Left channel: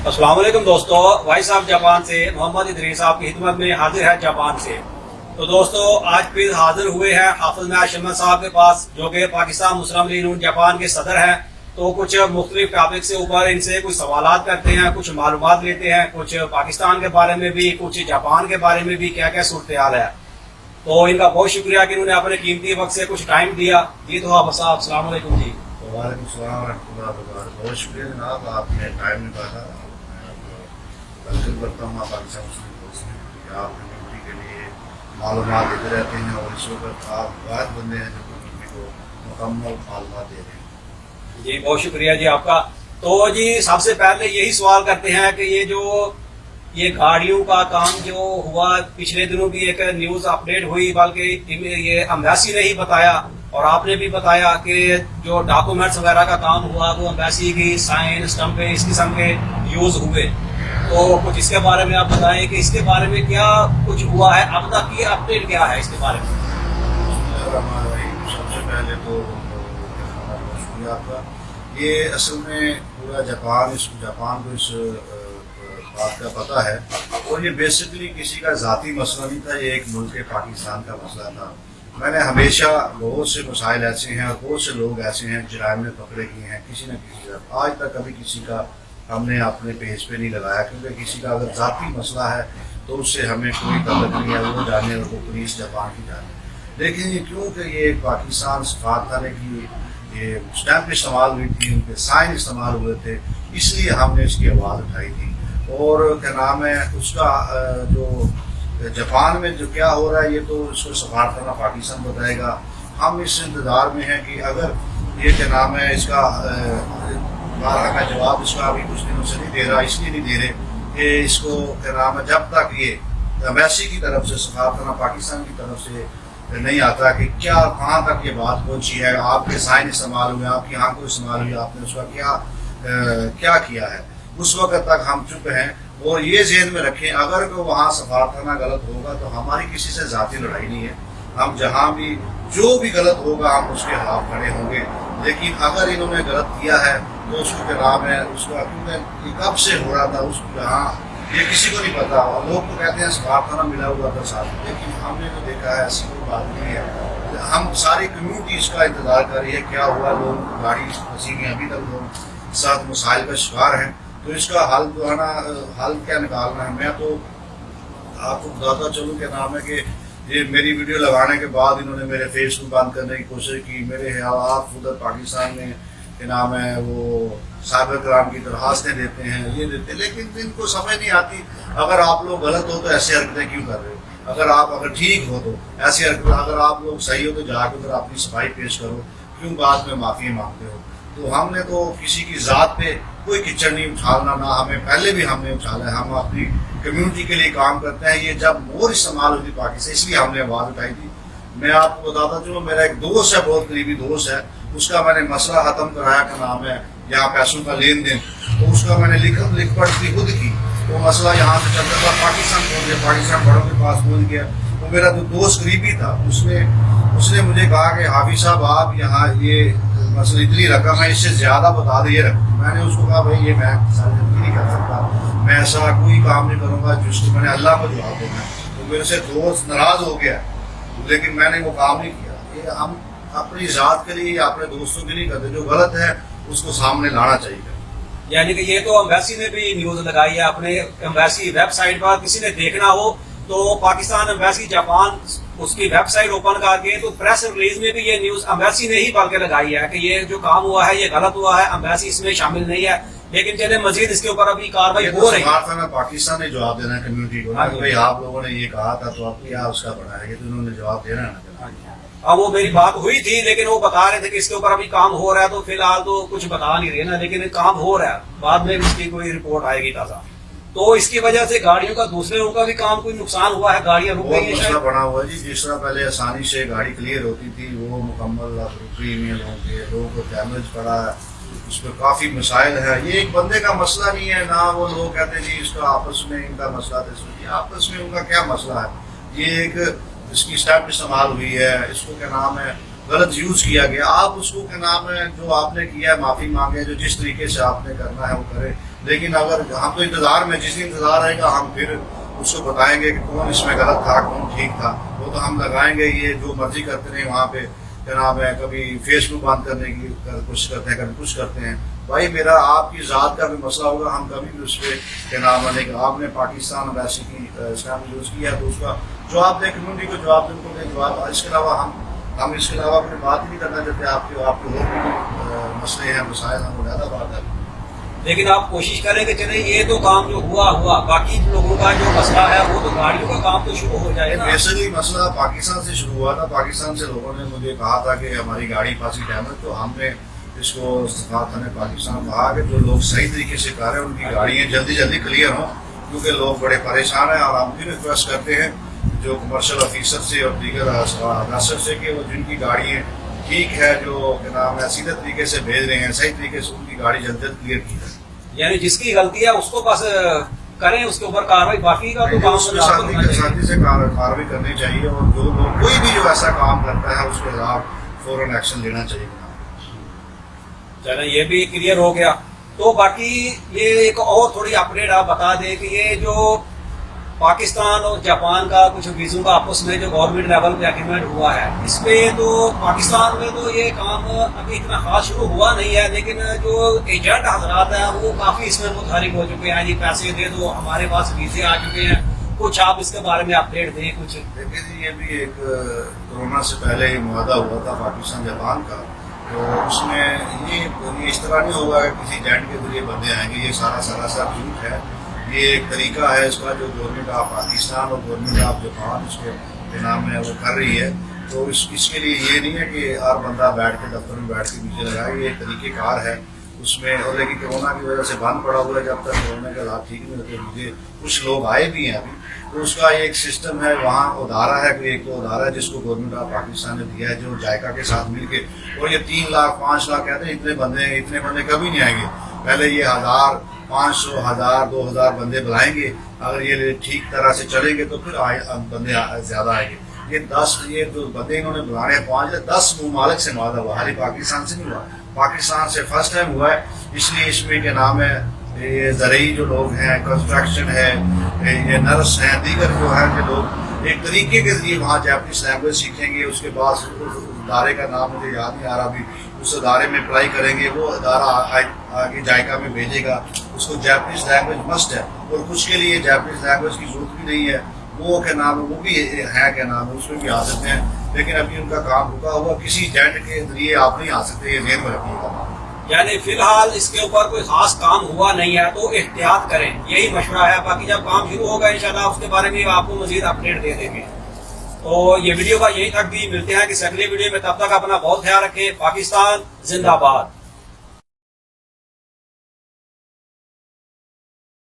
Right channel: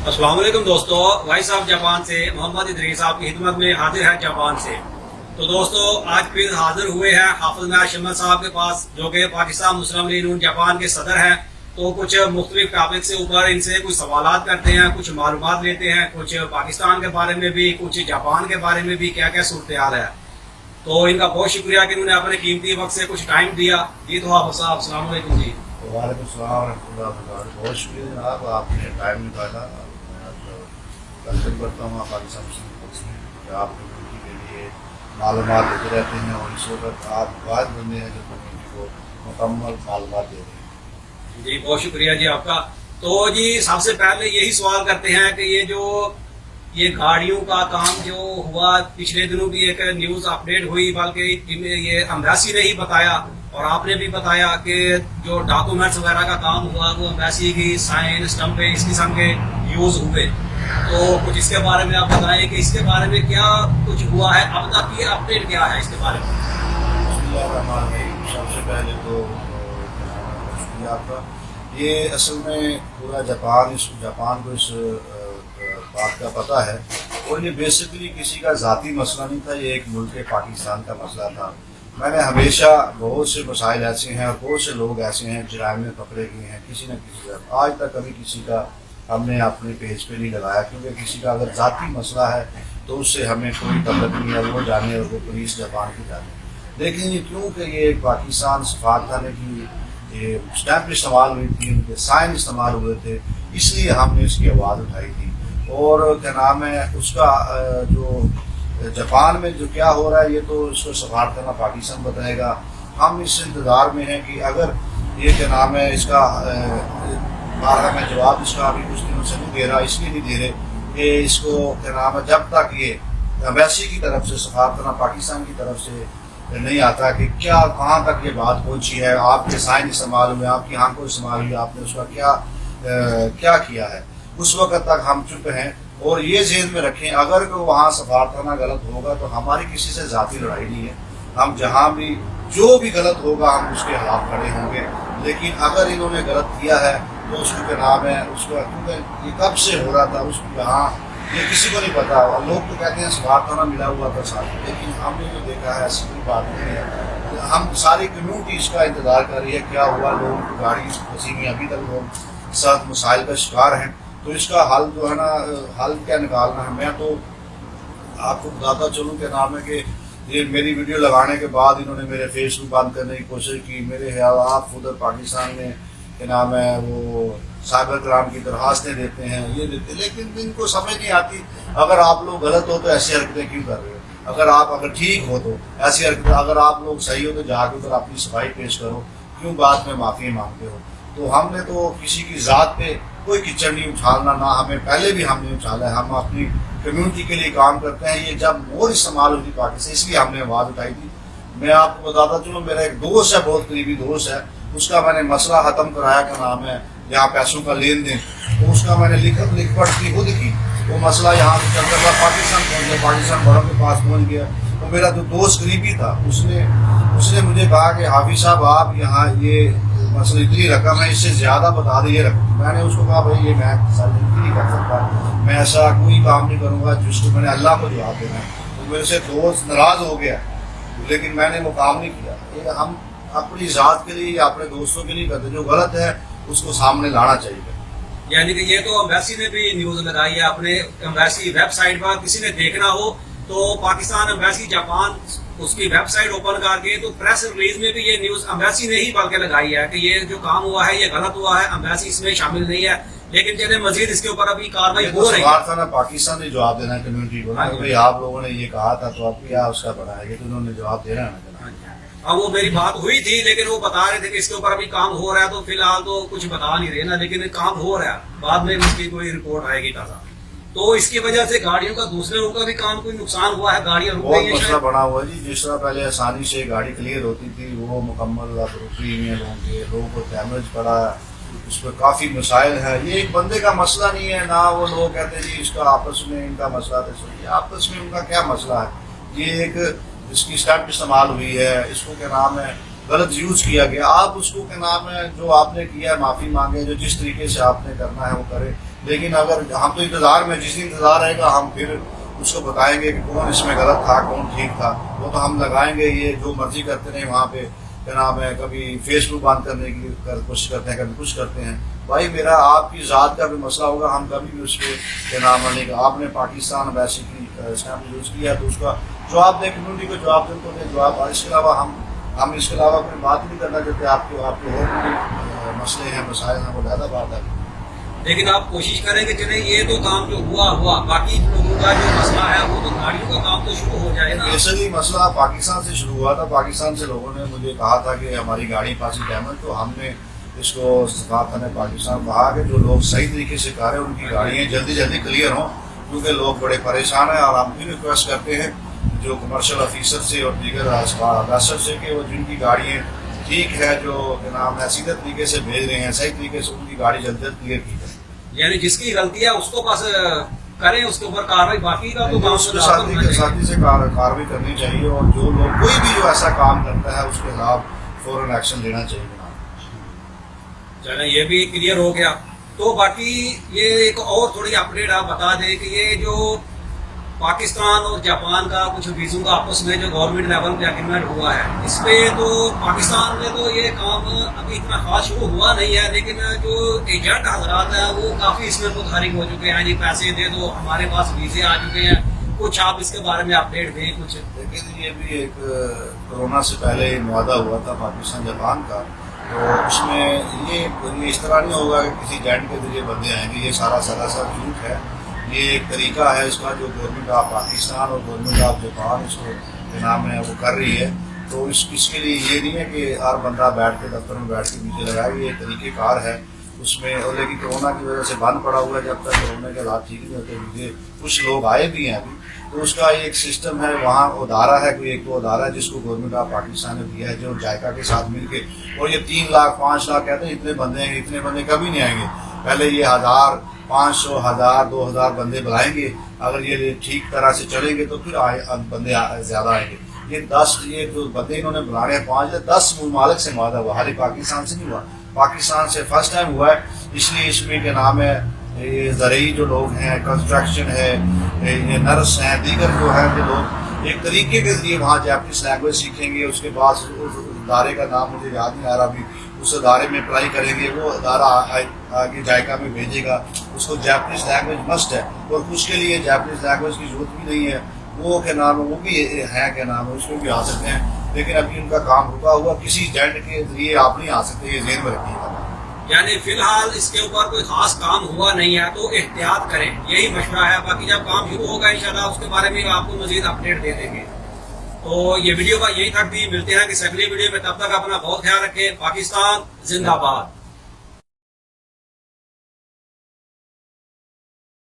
अस्सलाम वालेकुम दोस्तों, वॉइस ऑफ जापान से मोहम्मद इदरीस आपकी खिदमत में हाजिर है जापान से। तो दोस्तों आज फिर हाजिर हुए हैं हाफिज नाज शम्मा साहब के पास, जो कि पाकिस्तान मुस्लिम लीग नून जापान के सदर हैं। तो कुछ मुख्तलिफ टॉपिक से ऊपर इनसे कुछ सवालात करते हैं, कुछ मालूमात लेते हैं, कुछ पाकिस्तान के बारे में भी, कुछ जापान के बारे में भी, क्या क्या सूरत हाल है। तो इनका बहुत शुक्रिया कि इन्होंने अपने कीमती वक्त से कुछ टाइम दिया। जी तो आप साहब अस्सलाम वालेकुम जी। वालेकुम सलाम रहमतुल्लाहि व बरकातहू। बहुत शुक्रिया जनाब, आपने टाइम निकाला। मैं आपको वेलकम करता हूँ पाकिस्तान मुस्लिम फोर्स में कि आप कम्यूनिटी के लिए मालूमात देते रहते हैं और इस वक्त आप वाहिद बंदे हैं जो कम्यूनिटी को मुकम्मल मालूमात दे रहे हैं। जी बहुत शुक्रिया जी आपका। तो जी सबसे पहले यही सवाल करते हैं कि ये गाड़ियों का काम जो हुआ, पिछले दिनों भी एक न्यूज अपडेट हुई, बल्कि ये एम्बेसी ने ही बताया और आपने भी बताया कि जो डॉक्यूमेंट्स वगैरह का काम हुआ वो एम्बेसी की साइन स्टम्पें इस किस्म के यूज हुए। तो कुछ इसके बारे में आप बताएं कि इसके बारे में क्या कुछ हुआ है, अब तक की अपडेट क्या है इसके बारे में। बिस्मिल्लाहिर्रहमानिर्रहीम। सबसे पहले तो बहुत शुक्रिया आपका। ये असल में पूरा जापान को इस बात का पता है और ये बेसिकली किसी का ज़ाती मसला नहीं था, ये एक मुल्क पाकिस्तान का मसला था। मैंने हमेशा बहुत से मसाइल ऐसे हैं और बहुत से लोग ऐसे हैं जराइम में पकड़े गए हैं किसी न किसी तरफ। आज तक कभी किसी का हमने अपने पेज पे नहीं लगाया, क्योंकि किसी का अगर ज़ाती मसला है तो उससे हमें कोई तल्लुक नहीं है, वो जाने और वो पुलिस जापान की जाने। लेकिन क्योंकि ये पाकिस्तान सफारतखाने की ये स्टैंप इस्तेमाल हुई थी, उनके साइन इस्तेमाल हुए थे, इसलिए हमने इसकी आवाज़ उठाई थी। और क्या नाम है उसका जो जापान में जो क्या हो रहा है ये तो इसको सफारतखाना पाकिस्तान बताएगा। हम इस इंतज़ार में हैं कि अगर ये क्या नाम है इसका बारह मैं जवाब इसका अभी कुछ दिनों से नहीं दे रहा, इसलिए नहीं दे रहे कि इसको क्या नाम है जब तक ये एम्बेसी की तरफ से सफारतखाना पाकिस्तान की तरफ से नहीं आता कि क्या कहाँ तक ये बात पहुंची है, आपके साइन इस्तेमाल हुए, आपकी आंखों इस्तेमाल हुई, आपने उसका क्या किया है, उस वक्त तक हम चुप हैं। और ये ज़हन में रखें अगर वो वहाँ सफारतखाना गलत होगा तो हमारी किसी से ज़ाती लड़ाई नहीं है, हम जहाँ भी जो भी गलत होगा हम उसके खिलाफ खड़े होंगे। लेकिन अगर इन्होंने गलत किया है तो उसको क्या नाम है उसका, क्योंकि ये कब से हो रहा था उस यहाँ ये किसी को नहीं पता। लोग तो कहते हैं सफारतखाना मिला हुआ था साथ, लेकिन हमने तो देखा है ऐसी कोई बात नहीं है। हम सारी कम्यूनिटी इसका इंतजार कर रही है क्या हुआ, लोग गाड़ी फंसी हुई, अभी तक लोग साथ मसाइल का शिकार हैं। तो इसका हल जो है ना, हल क्या निकालना है। मैं तो आपको बताता चलूँ क्या नाम है कि ये मेरी वीडियो लगाने के बाद इन्होंने मेरे फेसबुक बंद करने की कोशिश की। मेरे हालात उधर पाकिस्तान में क्या नाम है वो साइबर क्राइम की दरखास्तें देते हैं, ये देते, लेकिन इनको समझ नहीं आती। अगर आप लोग गलत हो तो ऐसी हरकतें क्यों कर रहे हो, अगर ठीक हो तो ऐसी हरकतें, अगर आप लोग सही हो तो जाकर उधर अपनी सफाई पेश करो, क्यों बाद में माफी मांगते हो। तो हमने तो किसी की जात पे कोई कीचड़ नहीं उछालना, ना हमें पहले भी हमने उछाला है। हम अपनी कम्युनिटी के लिए काम करते हैं। ये जब मोर इस्तेमाल हुई थी पाकिस्तान, इसलिए हमने आवाज उठाई थी। मैं आपको बताता चलो, मेरा एक दोस्त है, बहुत करीबी दोस्त है, उसका मैंने मसला खत्म कराया, का नाम है यहाँ पैसों का लेन देन, तो उसका मैंने लिख पढ़ की खुद की, तो मसला यहाँ से चलता था पाकिस्तान पहुंच गया, पाकिस्तान बड़ों के पास पहुंच गया। तो मेरा जो दोस्त करीबी था उसने मुझे कहा कि हाफिज साहब आप यहाँ ये मसला इतनी रकम है, इससे ज्यादा बता दे ये रकम। मैंने उसको कहा भाई ये मैं सारी जिंदगी नहीं कर सकता, मैं ऐसा कोई काम नहीं करूंगा जिसको मैंने अल्लाह को जवाब देना है। तो मेरे से दोस्त नाराज हो गया, लेकिन मैंने वो काम नहीं किया। ये हम अपनी जात के लिए, अपने दोस्तों के लिए करते, जो गलत है उसको सामने लाना चाहिए। यानी कि ये तो एम्बेसी ने भी न्यूज लगाई है, अपने एम्बेसी वेबसाइट पर किसी ने देखना हो तो पाकिस्तान एम्बेसी जापान उसकी वेबसाइट ओपन करके तो प्रेस रिलीज में भी ये न्यूज एम्बेसी ने ही बल्कि लगाई है कि ये जो काम हुआ है ये गलत हुआ है, एम्बेसी इसमें शामिल नहीं है। लेकिन चले मजीद इसके ऊपर अभी कार्रवाई हो रही है। पाकिस्तान ने जवाब देना है कम्युनिटी को, भाई आप लोगों ने ये कहा था तो आप क्या उसका बढ़ाएंगे, तो उन्होंने जवाब देना है ना। अब वो मेरी बात हुई थी, लेकिन वो बता रहे थे कि इसके ऊपर अभी काम हो रहा है, तो फिलहाल तो कुछ बता नहीं रहे ना, लेकिन काम हो रहा है, बाद में इसकी कोई रिपोर्ट आएगी ताजा। तो इसकी वजह से गाड़ियों का दूसरे लोगों का भी काम कोई नुकसान हुआ है, गाड़ियां रुक गई हैं। मसला बना हुआ जी, जिस तरह पहले आसानी से गाड़ी क्लियर होती थी वो मुकम्मल अब रुकी हुई है, लोगों को डैमेज पड़ा है, उस पर काफी मसाइल है। ये एक बंदे का मसला नहीं है ना, वो लोग कहते हैं जी इसका आपस में इनका मसला था, आपस में उनका क्या मसला है। ये एक इसकी स्टैंप इस्तेमाल हुई है, इसको क्या नाम है غلط یوز کیا گیا. آپ اس کو کیا نام ہے جو آپ نے کیا ہے معافی مانگے, جو جس طریقے سے آپ نے کرنا ہے وہ کرے. لیکن اگر ہم تو انتظار میں, جس انتظار رہے گا ہم پھر اس کو بتائیں گے کہ کون اس میں غلط تھا کون ٹھیک تھا. وہ تو ہم لگائیں گے, یہ جو مرضی کرتے رہے وہاں پہ کیا نام ہے, کبھی فیس بک بند کرنے کی کوشش کرتے ہیں, کبھی کچھ کرتے ہیں. بھائی میرا آپ کی ذات کا بھی مسئلہ ہوگا, ہم کبھی بھی اس پہ کیا نام ہے کہ آپ نے پاکستان ایمبیسی کی اسٹیمپ یوز کیا تو اس کا جواب دیں, کمیونٹی کو جواب دیں, ان کو دیں جواب. اس کے علاوہ ہم اس کے علاوہ کوئی بات ہی نہیں کرنا چاہتے. آپ کے اور بھی مسئلے ہیں, مسائل ہیں, وہ زیادہ بات ہے. لیکن آپ کوشش کریں کہ چلیں یہ تو کام جو ہوا, باقی لوگوں کا جو مسئلہ ہے وہ تو گاڑیوں کا کام تو شروع ہو جائے نا. بیسکلی مسئلہ پاکستان سے شروع ہوا تھا. پاکستان سے لوگوں نے مجھے کہا تھا کہ ہماری گاڑی پاسی ڈیمیج, تو ہم نے اس کو سفارت خانہ پاکستان کہا کہ جو لوگ صحیح طریقے سے کر رہے ہیں ان کی گاڑیاں جلدی جلدی کلیئر ہوں, کیونکہ لوگ بڑے پریشان ہیں. اور ہم بھی ریکویسٹ کرتے ہیں جو کمرشل آفیسر سے اور دیگر افسر سے کہ وہ جن کی گاڑیاں ٹھیک ہے, جو کیا نام ہے سیدھے طریقے سے بھیج رہے ہیں, صحیح طریقے سے ان کی گاڑی جلد جلد کلیئر کی جائے. یعنی جس کی غلطی ہے اس کو بس کریں, اس کے اوپر کاروائی, باقی کا تو کام ساتھی سے کاروائی کرنی چاہیے. اور جو لوگ کوئی بھی جو ایسا کام کرتا ہے اس کے خلاف فوراً ایکشن لینا چاہیے. چلیں یہ بھی کلیئر ہو گیا. تو باقی یہ ایک اور تھوڑی اپڈیٹ آپ بتا دیں کہ یہ جو پاکستان اور جاپان کا کچھ ویزوں کا آپس میں جو گورنمنٹ لیول پہ ایگریمنٹ ہوا ہے, اس پہ تو پاکستان میں تو یہ کام ابھی اتنا خاص شروع ہوا نہیں ہے, لیکن جو ایجنٹ حضرات ہیں وہ کافی اس میں متحرک ہو چکے ہیں. جی پیسے دے دو, ہمارے پاس ویزے آ چکے ہیں. کچھ آپ اس کے بارے میں اپڈیٹ دیں کچھ. دیکھیں یہ بھی ایک کورونا سے پہلے معاہدہ ہوا تھا پاکستان جاپان کا, تو اس میں یہ اس طرح نہیں ہوگا کہ کسی ایجنٹ کے ذریعے بندے آئیں گے. یہ سارا سراسر جھوٹ ہے. یہ ایک طریقہ ہے اس کا جو گورنمنٹ آف پاکستان اور گورنمنٹ آف جاپان اس کو جو نام ہے وہ کر رہی ہے. تو اس کے لیے یہ نہیں ہے کہ ہر بندہ بیٹھ کے دفتر میں بیٹھ کے نیچے لگائے. یہ ایک طریقہ کار ہے اس میں. اور لیکن کورونا کی وجہ سے بند پڑا ہوا ہے, جب تک کورونا کے حالات ٹھیک نہیں ہوتے. کچھ لوگ آئے بھی ہیں ابھی, تو اس کا ایک سسٹم ہے. وہاں ادارہ ہے, کوئی ایک ادارہ ہے جس کو گورنمنٹ آف پاکستان نے دیا ہے, جو جائکا کے ساتھ مل کے. اور یہ 3 لاکھ 5 لاکھ کہتے ہیں اتنے بندے ہیں, اتنے بندے کبھی نہیں آئیں گے. پہلے یہ 1000 500 1000 2000 بندے بلائیں گے. اگر یہ ٹھیک طرح سے چلیں گے تو پھر بندے زیادہ آئیں گے. یہ جو بندے انہوں نے بلانے ہیں 10 ممالک سے معاہدہ ہوا, خالی پاکستان سے نہیں ہوا. پاکستان سے فرسٹ ٹائم ہوا ہے. اس لیے اس میں کیا نام ہے یہ زرعی جو لوگ ہیں, کنسٹرکشن ہے, یہ نرس ہیں, دیگر جو ہے کہ لوگ ایک طریقے کے ذریعے وہاں جاپنیز لینگویج سیکھیں گے. اس کے بعد اس ادارے کا نام مجھے یاد نہیں آ رہا ابھی, اس ادارے میں اپلائی کریں گے. وہ ادارہ آگے جائکا میں بھیجے گا. اس کو جاپنیز لینگویج مسٹ ہے, اور کچھ کے لیے جاپنیز لینگویج کی ضرورت بھی نہیں ہے. وہ کیا نام ہے وہ بھی ہے, کیا نام ہے اس میں بھی آ سکتے ہیں. لیکن ابھی ان کا کام رکا ہوا, کسی ایجنٹ کے ذریعے آپ نہیں آ سکتے. یہ ذہن میں رکھیے گا. یعنی فی الحال اس کے اوپر کوئی خاص کام ہوا نہیں ہے, تو احتیاط کریں, یہی مشورہ ہے. باقی جب کام شروع ہوگا انشاءاللہ اس کے بارے میں آپ کو مزید اپڈیٹ دے دیں گے. تو یہ ویڈیو کا یہی تک بھی ملتے ہیں کہ اگلی ویڈیو میں. تب تک اپنا بہت خیال رکھیں. پاکستان زندہ باد.